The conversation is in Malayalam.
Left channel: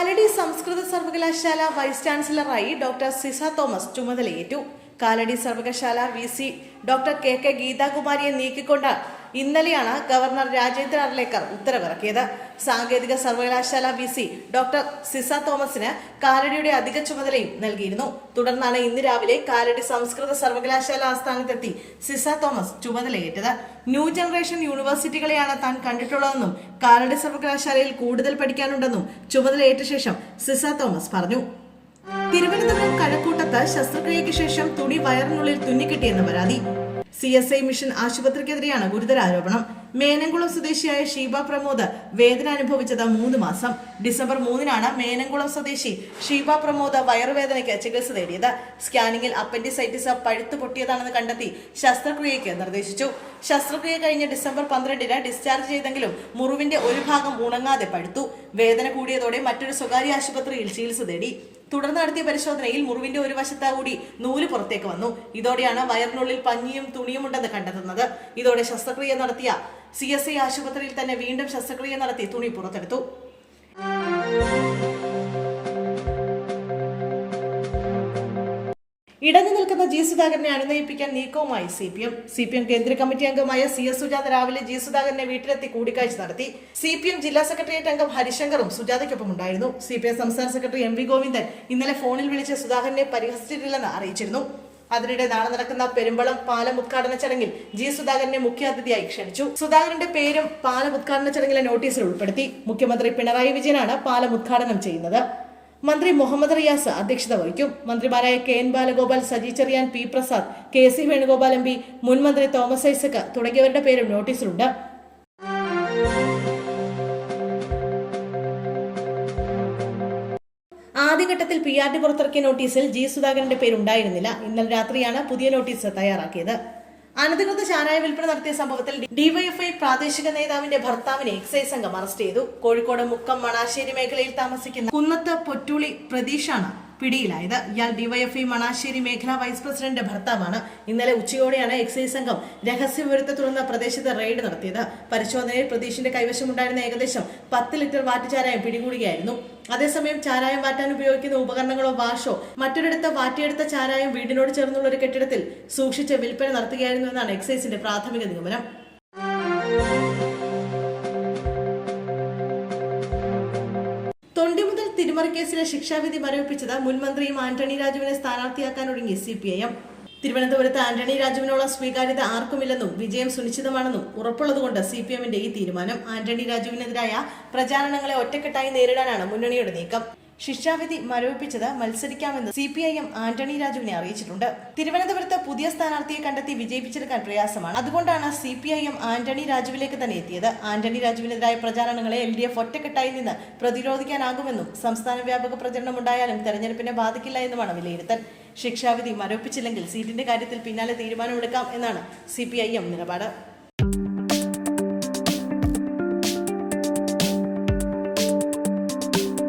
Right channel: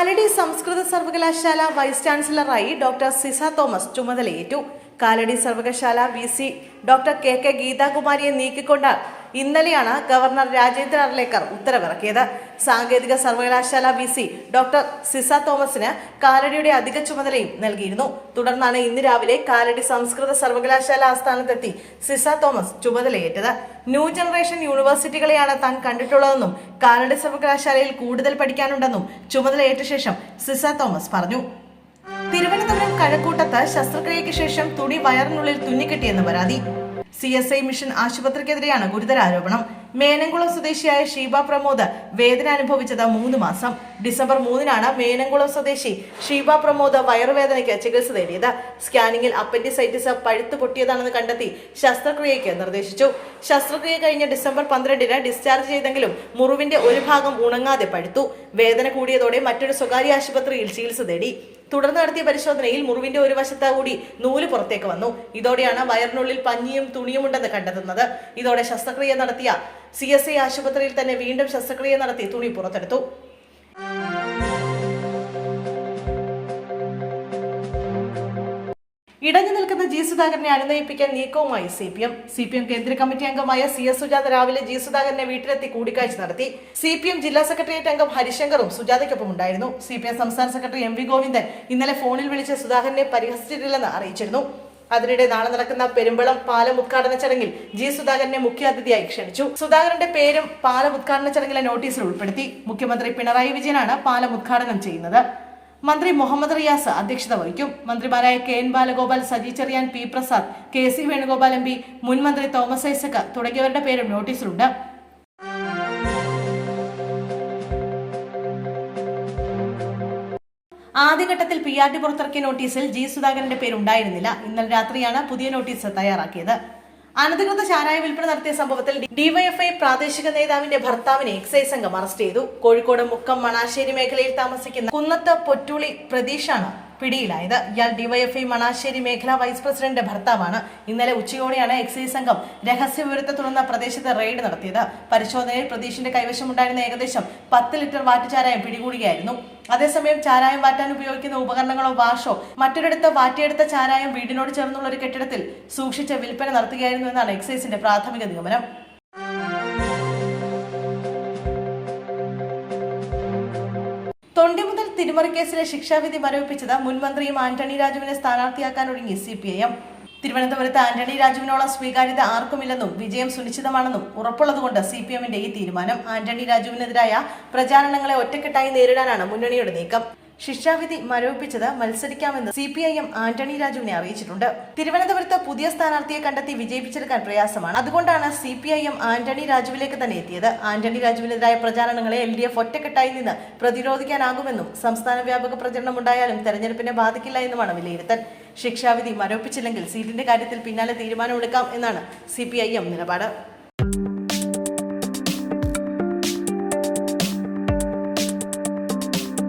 കാലടി സംസ്കൃത സർവകലാശാല വൈസ് ചാൻസലറായി ഡോക്ടർ സിസ തോമസ് ചുമതലയേറ്റു. കാലടി സർവകലാശാല VC ഡോക്ടർ KK ഗീതാകുമാരിയെ നീക്കിക്കൊണ്ട് ഇന്നലെയാണ് ഗവർണർ രാജേന്ദ്ര അർലേക്കർ ഉത്തരവിറക്കിയത്. സാങ്കേതിക സർവകലാശാല VC ഡോക്ടർ സിസ തോമസിന് കാലടിയുടെ അധിക ചുമതലയും നൽകിയിരുന്നു. തുടർന്നാണ് ഇന്ന് രാവിലെ കാലടി സംസ്കൃത സർവകലാശാല ആസ്ഥാനത്തെത്തി സിസ തോമസ് ചുമതലയേറ്റത്. ന്യൂ ജനറേഷൻ യൂണിവേഴ്സിറ്റികളെയാണ് താൻ കണ്ടിട്ടുള്ളതെന്നും കാലടി സർവകലാശാലയിൽ കൂടുതൽ പഠിക്കാനുണ്ടെന്നും ചുമതലയേറ്റ ശേഷം സിസ തോമസ് പറഞ്ഞു. തിരുവനന്തപുരം കഴക്കൂട്ടത്ത് ശസ്ത്രക്രിയയ്ക്ക് ശേഷം തുണി വയറിനുള്ളിൽ തുന്നിക്കെട്ടിയെന്ന് പരാതി. CSI മിഷൻ ആശുപത്രിക്കെതിരെയാണ് ഗുരുതര ആരോപണം. മേനംകുളം സ്വദേശിയായ ഷീബ പ്രമോദ് വേദന അനുഭവിച്ചത് 3 മാസം. ഡിസംബർ 3-നാണ് മേനംകുളം സ്വദേശി ഷീബ പ്രമോദ് വയറുവേദനയ്ക്ക് ചികിത്സ തേടിയത്. സ്കാനിംഗിൽ അപ്പൻഡിസൈറ്റിസ് പഴുത്തു പൊട്ടിയതാണെന്ന് കണ്ടെത്തി ശസ്ത്രക്രിയയ്ക്ക് നിർദ്ദേശിച്ചു. ശസ്ത്രക്രിയ കഴിഞ്ഞ് ഡിസംബർ 12-ന് ഡിസ്ചാർജ് ചെയ്തെങ്കിലും മുറിവിന്റെ ഒരു ഭാഗം ഉണങ്ങാതെ പഴുത്തു. വേദന കൂടിയതോടെ മറ്റൊരു സ്വകാര്യ ആശുപത്രിയിൽ ചികിത്സ തേടി. തുടർന്ന് നടത്തിയ പരിശോധനയിൽ മുറിവിന്റെ ഒരു വശത്ത് കൂടി നൂല് പുറത്തേക്ക് വന്നു. ഇതോടെയാണ് വയറിനുള്ളിൽ പഞ്ഞിയും തുണിയും ഉണ്ടെന്ന് കണ്ടെത്തുന്നത്. ഇതോടെ ശസ്ത്രക്രിയ നടത്തിയ CSI ആശുപത്രിയിൽ തന്നെ വീണ്ടും ശസ്ത്രക്രിയ നടത്തി തുണി പുറത്തെടുത്തു. ഇടഞ്ഞു നിൽക്കുന്ന G സുധാകരനെ അനുനയിപ്പിക്കാൻ നീക്കവുമായി CPM കേന്ദ്ര കമ്മിറ്റി അംഗമായ CS സുജാത രാവിലെ G സുധാകരനെ വീട്ടിലെത്തി കൂടിക്കാഴ്ച നടത്തി. CPM ജില്ലാ സെക്രട്ടേറിയറ്റ് അംഗം ഹരിശങ്കറും സുജാതയ്ക്കൊപ്പം ഉണ്ടായിരുന്നു. CPM സംസ്ഥാന സെക്രട്ടറി MV ഗോവിന്ദൻ ഇന്നലെ ഫോണിൽ വിളിച്ച് സുധാകരനെ പരിഹസിച്ചിട്ടില്ലെന്ന് അറിയിച്ചിരുന്നു. അതിനിടെ നാളെ നടക്കുന്ന പെരുമ്പളം പാലം ഉദ്ഘാടന ചടങ്ങിൽ G സുധാകരനെ മുഖ്യാതിഥിയായി ക്ഷണിച്ചു. സുധാകരന്റെ പേരും പാലം ഉദ്ഘാടന ചടങ്ങിലെ നോട്ടീസിൽ ഉൾപ്പെടുത്തി. മുഖ്യമന്ത്രി പിണറായി വിജയനാണ് പാലം ഉദ്ഘാടനം ചെയ്യുന്നത്. മന്ത്രി മുഹമ്മദ് റിയാസ് അധ്യക്ഷത വഹിക്കും. മന്ത്രിമാരായ KN Balagopal, Saji Cherian, P Prasad, KC Venugopal MP, മുൻ മന്ത്രി തോമസ് ഐസക് തുടങ്ങിയവരുടെ പേരും നോട്ടീസിലുണ്ട്. ആദ്യഘട്ടത്തിൽ PRD പുറത്തിറക്കിയ നോട്ടീസിൽ G സുധാകരന്റെ പേരുണ്ടായിരുന്നില്ല. ഇന്നലെ രാത്രിയാണ് പുതിയ നോട്ടീസ് തയ്യാറാക്കിയത്. അനധികൃത ചാരായ വിൽപ്പന നടത്തിയ സംഭവത്തിൽ DYFI പ്രാദേശിക നേതാവിന്റെ ഭർത്താവിനെ എക്സൈസ് സംഘം അറസ്റ്റ് ചെയ്തു. കോഴിക്കോട് മുക്കം മണാശ്ശേരി മേഖലയിൽ താമസിക്കുന്ന കുന്നത്ത് പൊറ്റൂളി പ്രതീഷാണ് പിടിയിലായത്. ഇയാൾ DYFI മണാശ്ശേരി മേഖലാ വൈസ് പ്രസിഡന്റ് ഭർത്താവാണ്. ഇന്നലെ ഉച്ചയോടെയാണ് എക്സൈസ് സംഘം രഹസ്യവിവരത്തെ തുടർന്ന് പ്രദേശത്ത് റെയ്ഡ് നടത്തിയത്. പരിശോധനയിൽ പ്രതീഷിന്റെ കൈവശമുണ്ടായിരുന്ന ഏകദേശം 10 ലിറ്റർ വാറ്റ് ചാരായം പിടികൂടുകയായിരുന്നു. അതേസമയം ചാരായം വാറ്റാൻ ഉപയോഗിക്കുന്ന ഉപകരണങ്ങളോ വാഷോ മറ്റൊരിടത്ത് വാറ്റിയെടുത്ത ചാരായം വീടിനോട് ചേർന്നുള്ള ഒരു കെട്ടിടത്തിൽ സൂക്ഷിച്ച് വിൽപ്പന നടത്തുകയായിരുന്നു എന്നാണ് എക്സൈസിന്റെ പ്രാഥമിക നിഗമനം. തൊണ്ടി മുതൽ തിരിമറി കേസിലെ ശിക്ഷാവിധി മരവിപ്പിച്ചത് മുൻ മന്ത്രിയും ആന്റണി രാജുവിനെ സ്ഥാനാർത്ഥിയാക്കാനൊരുങ്ങി CPIM. തിരുവനന്തപുരത്ത് ആന്റണി രാജുവിനുള്ള സ്വീകാര്യത ആർക്കുമില്ലെന്നും വിജയം സുനിശ്ചിതമാണെന്നും ഉറപ്പുള്ളതുകൊണ്ട് CPIMന്റെ ഈ തീരുമാനം. ആന്റണി രാജുവിനെതിരായ പ്രചാരണങ്ങളെ ഒറ്റക്കെട്ടായി നേരിടാനാണ് മുന്നണിയുടെ നീക്കം. ശിക്ഷാവിധി മരവിപ്പിച്ചത് മത്സരിക്കാമെന്ന് CPIM ആന്റണി രാജുവിനെ അറിയിച്ചിട്ടുണ്ട്. തിരുവനന്തപുരത്ത് പുതിയ സ്ഥാനാർത്ഥിയെ കണ്ടെത്തി വിജയിപ്പിച്ചെടുക്കാൻ പ്രയാസമാണ്. അതുകൊണ്ടാണ് CPIM ആന്റണി രാജുവിലേക്ക് തന്നെ എത്തിയത്. ആന്റണി രാജുവിനെതിരായ പ്രചാരണങ്ങളെ LDF ഒറ്റക്കെട്ടായി നിന്ന് പ്രതിരോധിക്കാനാകുമെന്നും സംസ്ഥാന വ്യാപക പ്രചരണം ഉണ്ടായാലും തെരഞ്ഞെടുപ്പിനെ ബാധിക്കില്ല എന്നുമാണ് വിലയിരുത്തൽ. ശിക്ഷാവിധി മരവിപ്പിച്ചില്ലെങ്കിൽ സീറ്റിന്റെ കാര്യത്തിൽ പിന്നാലെ തീരുമാനമെടുക്കാം എന്നാണ് CPIM നിലപാട്.